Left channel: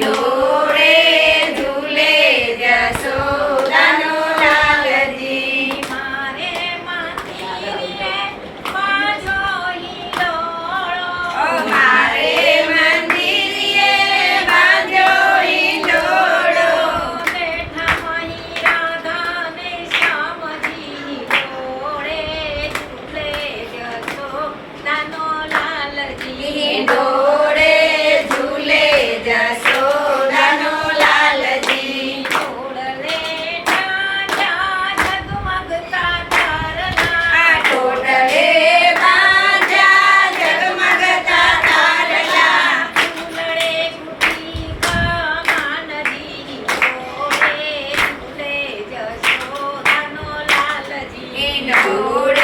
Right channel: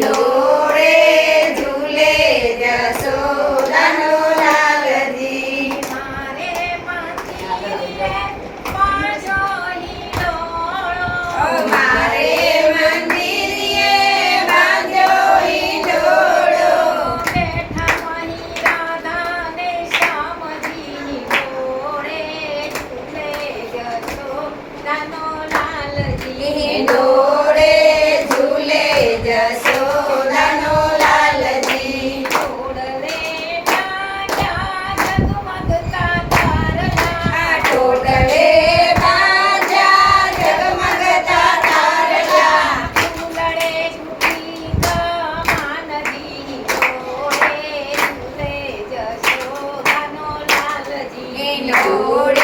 No. കൂടെ